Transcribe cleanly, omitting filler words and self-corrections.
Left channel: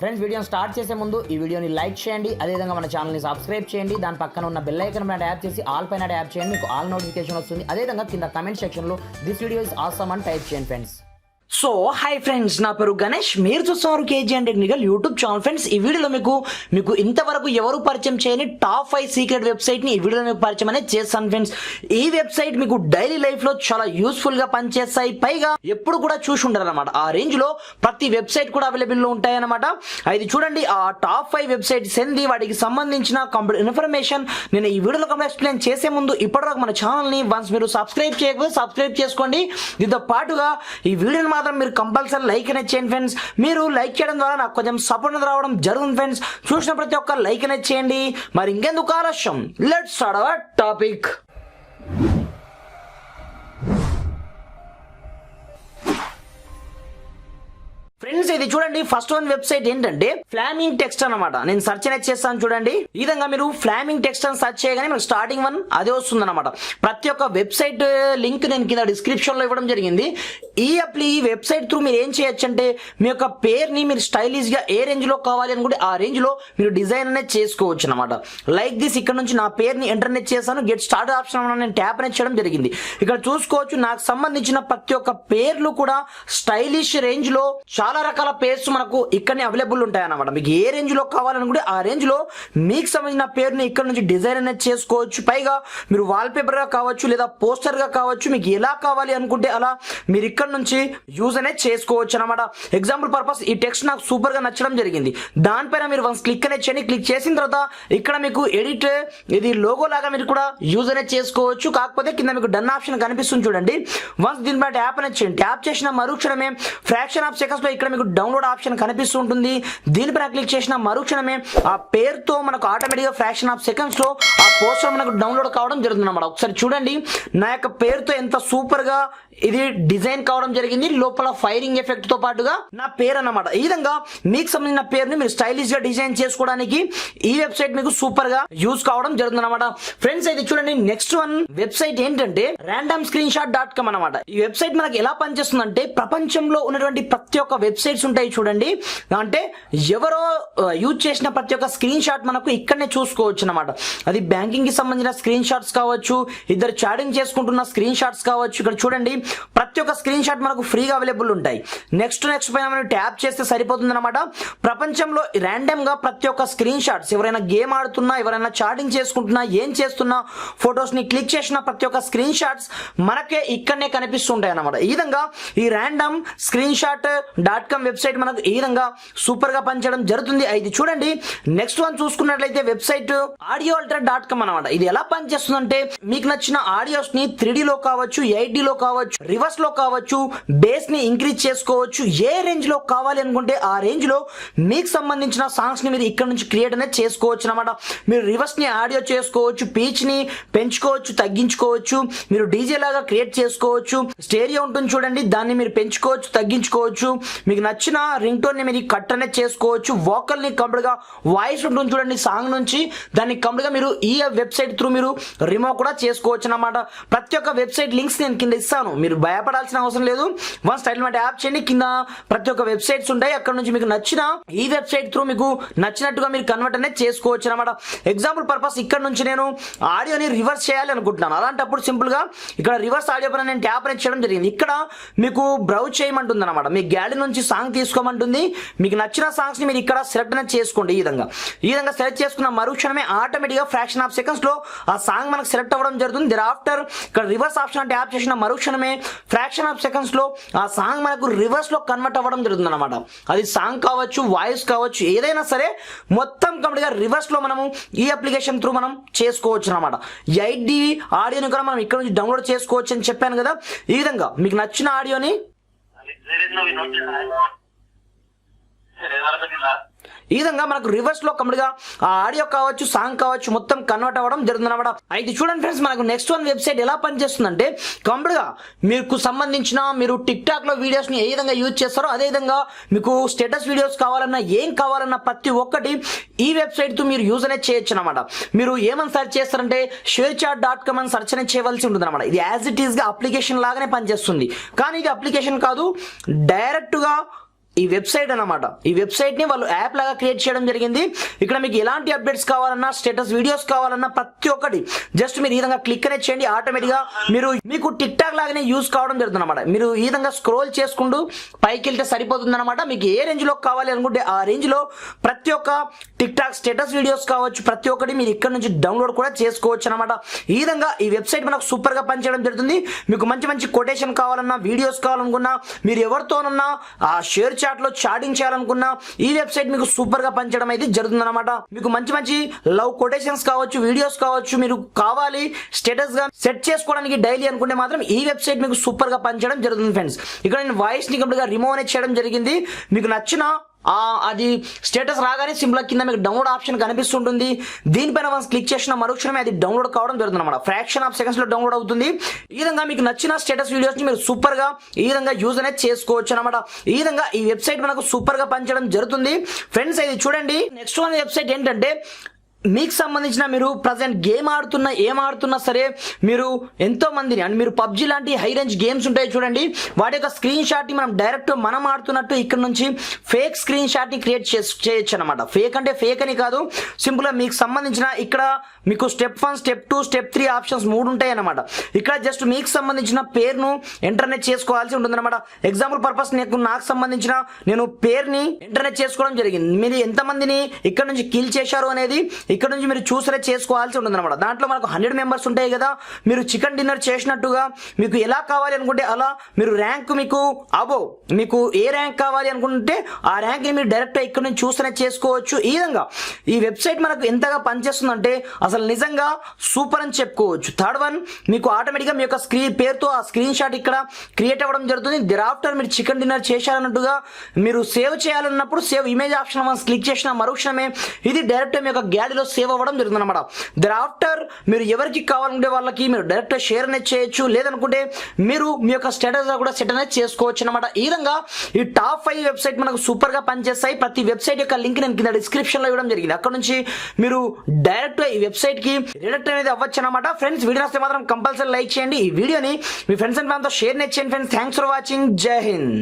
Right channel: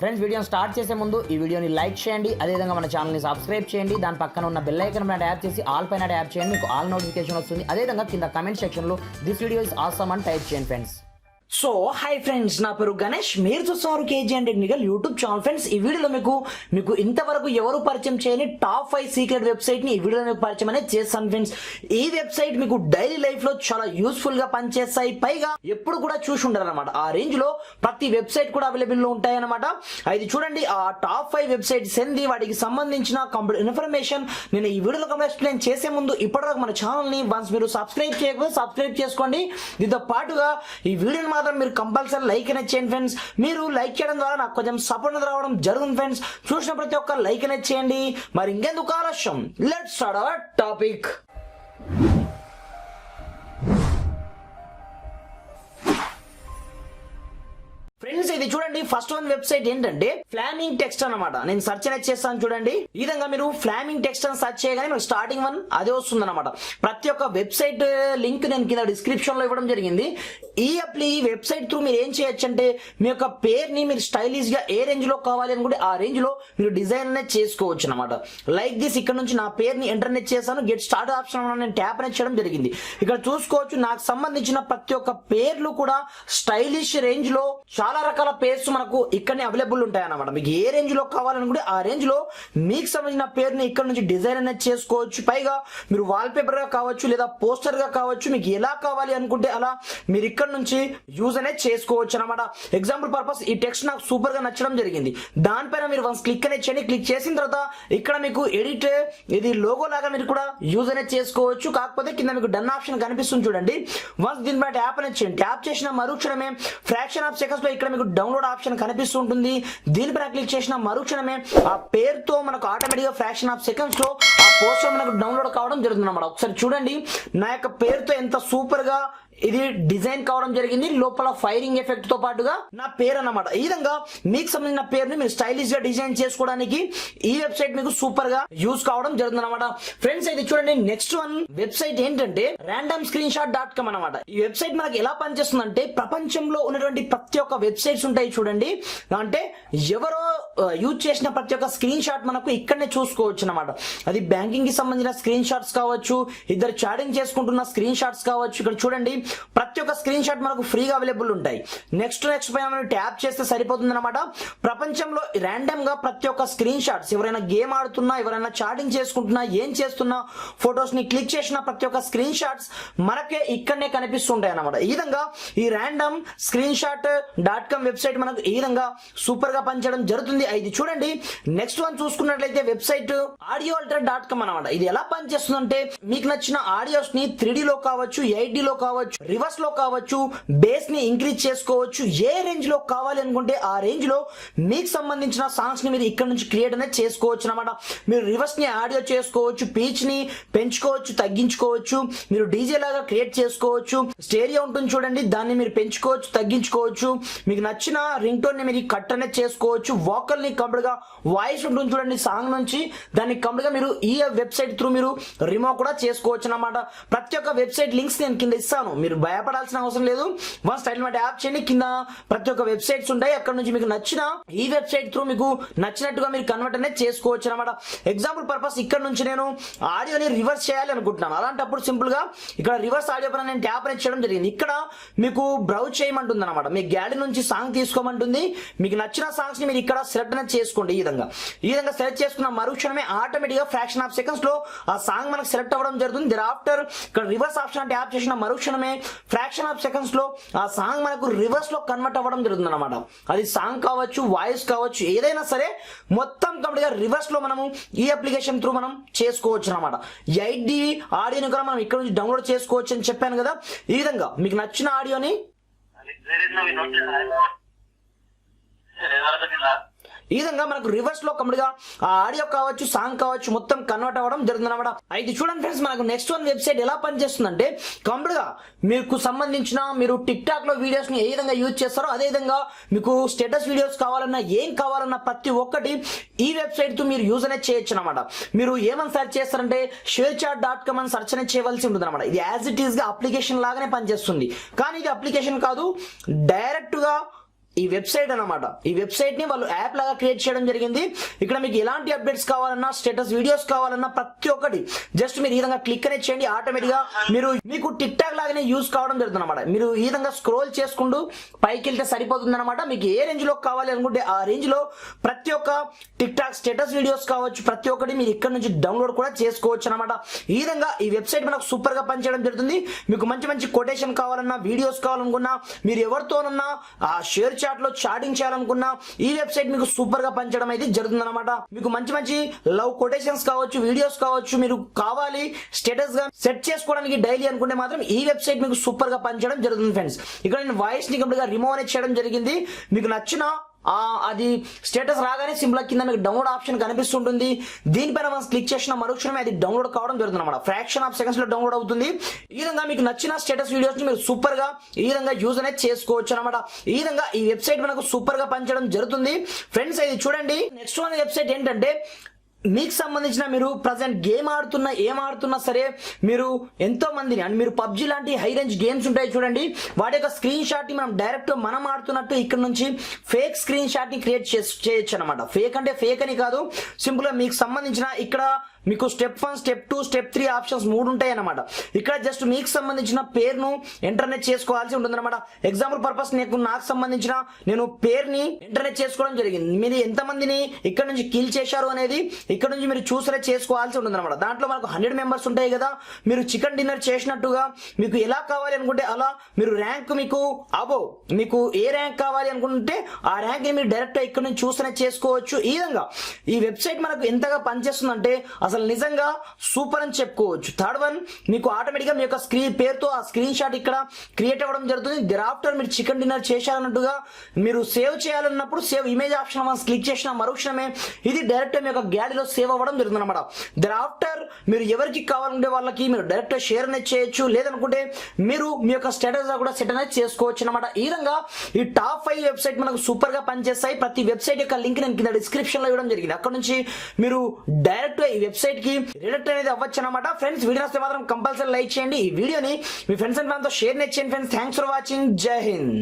Friends వీడియోని start చేసే ముందు ఈ వీడియోని లైక్ చేయండి, అదేవిధంగా మన ఛానల్ని సబ్స్క్రైబ్ చేయండి. దాని పక్కన ఉన్న బెల్ ఐకాన్ పైన ట్యాప్ చేసి ఆల్ పైన ట్యాప్ చేయండి, మీకు ఆల్ నోటిఫికేషన్ వస్తుంది. అదేవిధంగా కింద కమెంట్ సెక్షన్లో దిస్ వీడియో ఇస్ ఆసమ్ అని టైప్ చేయండి ఫ్రెండ్స్. సో హాయ్ ఫ్రెండ్స్, నా పేరు గణేష్, మీరు చూస్తున్నారు KG and technical YouTube channel. Friends ఈ వీడియోలో మీకు ఇంతవరకు ఎవరు పరిచయం చేయని టాప్ 5 సీక్రెట్ వెబ్సైట్ ని ఈ వీడియోలో మీకు పరిచయం అనేది చేస్తాను ఫ్రెండ్స్. ఈ వెబ్సైట్ మీకు డైలీ లైఫ్ లో చాలా యూస్ఫుల్ గా పనిచేస్తాయి, పైగా ఎప్పుడు కూడా చూసి ఉండరు అనమాట. ఆ రేంజ్ లో ప్రతి వెబ్సైట్ కూడా అవైలబుల్ లో ఉంటాయి అనమాట. ఇది చూడండి, ఆ టాప్ 5 వెబ్సైట్స్ ఏంది, వాటికి సంబంధించిన కంప్లీట్ ఇన్ఫర్మేషన్ నేను ఈ వీడియోలో కంప్లీట్ ఎక్స్ప్లెయిన్ చేసే ముందు ఇప్పటివరకు మన ఛానల్ ని వన్స్ మీరు సబ్స్క్రైబ్ చేయకపోతే సబ్స్క్రైబ్ చేసుకోండి. దీంతో పాటుగా ఈ వీడియోని మాత్రం మీరు కంపల్సరీ లైక్ అనేది చేయండి ఫ్రెండ్స్. మీరు లైక్ చేయడం ద్వారా నాకు కొంచెం సపోర్ట్ రావడం జరుగుతుంది ఫ్రెండ్స్. చూసిన ప్రతి ఒక్క లైక్ అనేది చేయండి. మరి ఇంకెందుకు ఆలస్యం, let's start our topic. Friends ఇది చూడండి, ఫస్ట్ వన్ వెబ్సైట్ ఏంటంటే ఫ్లామింగ్ టెక్స్ట్ అనమాట. నేను సెర్చ్ అనేది చేస్తాను చూడండి. ఈ విధంగా మీరు ఫ్లామింగ్ టెక్స్ట్ అని సెర్చ్ చేయగానే మీకు స్టార్టింగ్ వన్ అదే వస్తుంది అనమాట. ప్రతి ఒక్క వెబ్సైట్ లింక్ నేను కింద డిస్క్రిప్షన్ లో ఇవ్వడం జరిగింది. ఈ వెబ్సైట్ త్రూ మీరు ఏం చేయొచ్చు అంటే మీ యొక్క పేరుని మీరు స్టైలిష్ గా ఏ రేంజ్ లో కావాలి అనుకుంటే ఆ రేంజ్ లో మీరు డిజైన్ అనేది చేసుకోవచ్చు అనమాట. లైక్ దిస్, ఇక్కడ నుంచి నా పేరుని ఎంటర్ అనేది చేశాను. గెట్ స్టార్ట్ ఆప్షన్ నేను ట్యాప్ అనేది చేయడం జరిగింది. ఇక్కడ చూసుకోవచ్చు నాకు సంబంధించిన ప్రతి ఒక్క పేర్లు కూడా స్టైలిష్ రేంజ్ లో చాలా రకాల పేర్స్ మనకు ఇక్కడనే అవైలబుల్ ఉంటాయి అన్నమాట. మీకు ఏ రేంజ్ లో కావాలనుకుంటే ఆ రేంజ్ లో మీకు సంబంధించిన పేరుని ఇక్కడ నుంచి డిజైన్ అనేది చేసుకోవచ్చు. పైగా మీరు వాల్ పేపర్ గా కావచ్చు లేదా పోస్టర్ గా కావచ్చు, మీకు ఎలా కావాలి అనుకుంటే అలా మీరు ఇక్కడ నుంచి యూజ్ అనేది చేసుకోవచ్చు అనమాట. ఎగ్జాంపుల్ పర్పస్ ఈ టెక్స్ట్ నాకు సూపర్ గా నచ్చడం జరిగింది. దానిపైన మీరు వన్స్ క్లిక్ అనేది చేయండి. క్లిక్ చేసిన తర్వాత ఇక్కడ మీకు ఎడిట్, ఇది లోగో లాగా మీరు కూడా యూజ్ అనేది చేసుకోవచ్చు. కాకపోతే కింద మీకు డన్ ఆప్షన్ కనిపిస్తుంది చూడండి. వన్స్ దీనిపై ట్యాప్ అనేది చేయండి. ట్యాప్ చేసిన మరుక్షణమే ఫ్రాక్షన్ ఆఫ్ సెకండ్స్ లో ఇక్కడ మీకు డౌన్లోడ్ ఆప్షన్ కనిపిస్తుంటుంది. దీనిపైన క్లిక్ చేసిన మరుక్షణమే ఆ పేరుతో మనకు ఆటోమేటిక్ గా ఫ్రాక్షన్ ఆఫ్ సెకండ్స్ లో ఆ పోస్టర్ మనకు డౌన్లోడ్ కావడం జరుగుతుంది అన్నమాట. ఒకసారి చూడండి, నా యొక్క పేరుతో ఎంత సూపర్ గా ఇది డిజైన్ కావడం జరిగింది. లోపల ఫైరింగ్ ఎఫెక్ట్ తో పాటుగా నా పేరు అన్నమాట. ఈ విధంగా మీకు సంబంధించిన పేరుని మీరు స్టైలిష్ గా డిజైన్ చేసుకోవడానికి ఈ వెబ్సైట్ మీకు సూపర్ గా యూజ్ కావడం జరుగుతుంది అనమాట. ఫ్రెండ్స్ ఇది చూడండి, నెక్స్ట్ వన్ వెబ్సైట్ ఏంటంటే random.com అనమాట. ఈ వెబ్సైట్ మనకి ఎలా పనిచేస్తుందంటే ప్రపంచంలో ఉన్నటువంటి ప్రతి ఒక్క వెబ్సైట్స్ ఉంటాయి చూడండి, అంటే ఎవరో యూజ్ చేసిన ప్రతి ఒక్క స్క్రీన్ షాట్ మనకు ఇక్కడనే చూసుకోవచ్చు అనమాట. అది బ్యాంకింగ్ కి సంబంధించిన స్క్రీన్ షాట్స్ కావచ్చు, ఇద్దరు చాటింగ్ చేసుకుంటున్న స్క్రీన్ షాట్స్ కావచ్చు. ఇక్కడ చూడండి ప్రతి ఒక్క స్క్రీన్ షాట్ మనకు ఫ్రీగా అవైలబుల్ ఉంటాయి. నెక్స్ట్ పైన మనం ట్యాప్ చేస్తే సరిపోతుంది అనమాట. ప్రపంచంలో ర్యాండమ్ గా ప్రతి ఒక్క స్క్రీన్ షాట్స్, ఎవరైనా గేమ్ ఆడుతున్నా, ఎవరైనా చాటింగ్ చేసుకుంటున్నా, ఏం చేస్తున్నా, ఫొటోస్ ని క్లిక్ చేసిన ప్రతి ఒక్క స్క్రీన్ షాట్స్ మనకే ఇక్కడనే కనిపిస్తుంటాయి అనమాట. ఈ విధంగా ఈ random.com వెబ్సైట్ మనకు ఈ విధంగా సూపర్ గా పనిచేయడం జరుగుతుంది. ఇది చూడండి, నెక్స్ట్ వన్ చూసుకున్నట్లయితే వెబ్సైట్ audioalter.com అనమాట. ఇది ఎలా పనిచేస్తుందంటే మీకు నచ్చిన ఆడియోస్ ని 3D లో కావచ్చు, 8D లో కావచ్చు, రివర్స్ లో కావచ్చు, బేస్ ని ఇంక్రీజ్ చేసుకోవచ్చు. ఏ రేంజ్ లో కావాలి అనుకుంటే ఆ రేంజ్ లో మీకు సంబంధించిన సాంగ్స్ ని మీరు ఇక్కడ నుంచి క్రియేట్ అనేది చేసుకోవచ్చు అనమాట. మీరు రివర్స్ ని ఆడియో చేసుకోవచ్చు, పీచ్ ని పెంచుకోవచ్చు, తగ్గించుకోవచ్చు, మీరు డీజే లాగా క్రియేట్ చేసుకోవచ్చు. స్టేరియో ఉంటుంది చూడండి, దాన్ని మీరు పెంచుకోవచ్చు, తగ్గించుకోవచ్చు. మీకు నచ్చిన రింగ్ టోన్ ని మీరు కట్ అనేది చేసుకోవచ్చు. వోకల్ ని కంప్లీట్ గా వాయిస్ ఉంటుంది చూడండి సాంగ్ నుంచి, దాన్ని కంప్లీట్ గా మీరు ఈ వెబ్సైట్ త్రూ మీరు రిమూవ్ కూడా చేసుకోవచ్చు అనమాట. ప్రతి ఒక్క వెబ్సైట్ లింక్స్ నేను కింద ఇస్తాను, మీరు భయపడాల్సిన అవసరం లేదు. వన్ స్టైల్ మాట యాప్ చేయండి, కింద ప్రతి ఒక్క వెబ్సైట్స్ ఉంటాయి. అక్కడ నుంచి మీకు నచ్చిన ఈ వెబ్సైట్ త్రూ మీకు నచ్చినట్టుగా మీరు కన్వర్ట్ అనేది చేసుకోవచ్చు అనమాట. ఎగ్జాంపుల్ పర్పస్ ఇక్కడ నుంచి నేను ఆడియోని రివర్స్ చేయాలి అనుకుంటున్నాను. అలాంటప్పుడు సింపుల్ గా ఇక్కడ రివర్స్ ఆడియో పైన నేను ట్యాప్ అనేది చేయడం జరిగింది. ఇక్కడ మీకు బ్రౌజ్ చేయమంటుంది అనమాట. మీ గ్యాలరీ నుంచి సాంగ్ తీసుకోమంటుంది. మీకు నచ్చిన సాంగ్స్ ని మీరు ఇక్కడ సెలెక్ట్ అనేది చేసుకోండి. ఈ విధంగా సెలెక్ట్ చేసుకున్న మరుక్షణమే ఆటోమేటిక్ గా ఫ్రాక్షన్ ఆఫ్ సెకండ్స్ లో ఆ సాంగ్ మనకు సెలెక్ట్ అవ్వడం జరుగుతుంది. దర్ ఆఫ్టర్ ఇక్కడ రివర్స్ ఆప్షన్ ట్యాప్ చేసిన మరుక్షణమే ఫ్రాక్షన్ ఆఫ్ సెకండ్స్ లో ఆ సాంగ్ మనకు రివర్స్ లో కన్వర్ట్ అవ్వడం జరుగుతుంది అనమాట. అది సాంగ్ కావచ్చు, వాయిస్ కావచ్చు, ఏదైనా సరే మొత్తం కంప్లీట్ గా రివర్స్ లో మనము ఈ అప్లికేషన్ త్రూ మనం చేసుకోవచ్చు అనమాట. 8D ఆడియోని కూడా మనం ఇక్కడ నుంచి డౌన్లోడ్ చేసుకోవచ్చు అని చెప్పాను కదా. ఈ విధంగా మీకు నచ్చిన ఆడియోని ఈ విధంగా మనకు రివర్స్ లో కంప్లీట్ గా ఆ ఆడియో కావచ్చు, సాంగ్ కావచ్చు, మొత్తం కన్వర్ట్ అవ్వడం జరుగుతుంది అనమాట. అయితే చూడండి ఫ్రెండ్స్, మనకు నెక్స్ట్ వన్ వెబ్సైట్ ఎలా పనిచేస్తుందంటే కంప్లీట్ గా మీకు సంబంధించిన మీరు టిక్ టాక్ లో వీడియోస్ ని ఏ విధంగా యూజ్ చేస్తారో అదే విధంగా మీకు స్టేటస్ వీడియోస్ కావాలన్నా ఏం కావాలన్నా ప్రతి ఒక్కటి ఈ వెబ్సైట్ తో మీరు యూజ్ అనేది చేయొచ్చు అనమాట. మీరు ఏమని సెర్చ్ చేస్తారంటే sharechat.com అని సెర్చ్ అనేది చేయవలసి ఉంటుంది అనమాట. ఇది యాజ్ ఇట్ ఈస్ గా అప్లికేషన్ లాగానే పనిచేస్తుంది, కానీ ఇది అప్లికేషన్ కాదు, డైరెక్ట్ గా ఈ వెబ్సైట్ అన్నమాట. ఈ వెబ్సైట్ ని వాళ్ళు యాప్ లాగా క్రియేట్ చేయడం జరిగింది. ఇక్కడ మీకు ఎలాంటి అప్డేట్స్ కావాలన్నా, స్టేటస్ వీడియోస్ కావాలన్నా ప్రతి ఒక్కటి జస్ట్ మీరు ఈ విధంగా క్లిక్ అనేది చేయండి, ఆటోమేటిక్ గా మీకు టిక్ టాక్ లాగానే యూజ్ కావడం జరుగుతుంది అనమాట. మీరు ఈ విధంగా స్క్రోల్ చేసుకుంటూ పైకి వెళ్తే సరిపోతుంది అనమాట. మీకు ఏ రేంజ్ లో కావాలి అనుకుంటే ఆ రేంజ్ లో ప్రతి ఒక్క టిక్ టాక్ స్టేటస్ వీడియోస్ కావచ్చు, ప్రతి ఒక్కటి మీరు ఇక్కడ నుంచి డౌన్లోడ్ కూడా చేసుకోవచ్చు అనమాట. ఈ విధంగా ఈ వెబ్సైట్ మనకు సూపర్ గా పనిచేయడం జరుగుతుంది. మీకు మంచి మంచి కొటేషన్ కావాలన్నా, వీడియోస్ కావాలనుకున్నా, మీరు ఎవరితోనన్నా ఆ షేర్ చాట్ లో చాటింగ్ చేయాలనుకున్నా ఈ వెబ్సైట్ మీకు సూపర్ గా పనిచేయడం అయితే జరుగుతుంది అనమాట. మీకు మంచి మంచి లవ్ కొటేషన్స్ కావచ్చు, వీడియోస్ కావచ్చు, మీరు కావాలి స్టేటస్ గా సెట్ చేసుకోవడానికి డైలీ అనుకుంటే మాత్రం ఈ వెబ్సైట్ మీకు సూపర్ గా పనిచేయడం జరుగుతుంది ఫ్రెండ్స్. ఇక్కడ నేను వాయిస్ ని కంప్లీట్ గా రిమూవ్ అనేది చేయడం జరిగింది. మీకు నచ్చిన అది స్టేటస్ రాగానే సింపుల్ కింద మీకు డౌన్లోడ్ ఆప్షన్ కనిపిస్తుంటుంది. దీనిపైన మనం క్లిక్ చేసిన మరుక్షణమే అది డౌన్లోడ్ కావడం జరుగుతుంది అనమాట. ఫ్రాక్షన్ ఆఫ్ సెకండ్స్ లో డౌన్లోడ్ అవుతుంది. ఈ విధంగా మీకు నచ్చిన స్టేటస్ వీడియోస్ ని మీరు సూపర్ గా ఈ విధంగా యూజ్ అనేది చేసుకోవచ్చు అనమాట. ఈ విధంగా ఈ వెబ్సైట్ మనకు సూపర్ గా పనిచేయడం జరుగుతుంది ఫ్రెండ్స్. ఇది చూడండి, నెక్స్ట్ వన్ వెబ్సైట్ ఏంటంటే మీకు సంబంధించిన మీరు ప్రజెంట్ గేమ్ ఆడుతున్నా ఏం ఆడుతున్నా సరే, మీరు ఎంతో మందిని అండ్ మీరు పబ్జి లాంటి హై రేంజ్ గేమ్స్ ఉంటాయి చూడండి, వాటి యొక్క స్క్రీన్ షాట్ ని మనం డైరెక్ట్ మనం ఆడుతున్నట్టు ఇక్కడ నుంచి ఫేక్ స్క్రీన్ షాట్ ని క్రియేట్ చేయొచ్చు అనమాట. ఫేక్ అంటే ఫేక్ అని కాదు, సింపుల్ గా మీకు సంబంధించిన ఇక్కడ మీకు స్టెప్ 1, స్టెప్ 2, స్టెప్ 3 ఆప్షన్స్ 3 ఉంటాయి అనమాట. ఇక్కడ జస్ట్ మీకు సంబంధించిన పేరును ఇంటర్నెట్ చేసుకోవాల్సి ఉంటుంది అనమాట. ఎగ్జాంపుల్ పర్పస్ నాకు సంబంధించిన నేను పేరుని ఇంటర్నెట్ చేసుకోవడం జరిగింది. మీరు ఎంతమందిని ఇక్కడ నుంచి కిల్ చేశారు అనేది ఇక్కడ నుంచి మీరు చూసరే చేసుకోవాల్సి ఉంటుంది అనమాట. దాంట్లో మనకు 100 మెంబర్స్ ఉంటాయి కదా, మీరు చికెన్ డిన్నర్ చేసినట్టుగా మీకు ఎలా కావాలి అనుకుంటే అలా మీరు ర్యాంక్ మీకు మీకు ఏ ర్యాంక్ కావాలి అనుకుంటే ఆ ర్యాంక్ ని మీరు డైరెక్ట్ ఇక్కడ నుంచి చూసరే చేసుకోవచ్చు. ఈ విధంగా ఈ వెబ్సైట్ మనకు ఎంతగా పనిచేస్తుందంటే అసలు నిజంగా సూపర్ అని చెప్పుకోవచ్చు. థర్డ్ వన్, మీకు ఆటోమేటిక్ గా మీ యొక్క స్క్రీన్ పేరుతో ఆ స్క్రీన్ షాట్ ఇక్కడ క్రియేట్ అవ్వడం జరుగుతుంది. దిరాఫ్టర్ మీరు చికెన్ డిన్నర్ చేశారన్నట్టుగా మీరు సేవ్ చేయాలన్నప్పుడు సేవ్ ఇమేజ్ ఆప్షన్ మనం క్లిక్ చేసిన మరుక్షణమే ఇది డైరెక్ట్ మీ యొక్క గ్యాలరీలో సేవ్ అవ్వడం జరుగుతుంది అనమాట. దిరాఫ్టర్ మీరు ఎవరికి కావాలంటే వాళ్ళకి మీరు డైరెక్ట్ షేర్ అనేది చేయొచ్చు, లేదనుకుంటే మీరు మీ యొక్క స్టేటస్ కూడా సెట్ అనేది చేసుకోవచ్చు అనమాట. ఈ విధంగా ఈ టాప్ 5 వెబ్సైట్ మనకు సూపర్ గా పనిచేస్తాయి. ప్రతి వెబ్సైట్ యొక్క లింక్ నేను కింద డిస్క్రిప్షన్ లో ఇవ్వడం జరిగింది. అక్కడ నుంచి మీరు డైరెక్ట్ ఈ వెబ్సైట్ కి రిడక్ట్ అనేది అవ్వచ్చు అనమాట. ఫ్రెండ్స్, వీడియో నచ్చితే మాత్రం కంపల్సరీ లైక్ చేయండి. ఈ వీడియోని మీ ఫ్రెండ్స్ అండ్ ఫ్యామిలీతో షేర్ చేయండి ఫ్రెండ్స్. Thanks for watching. జై హింద్.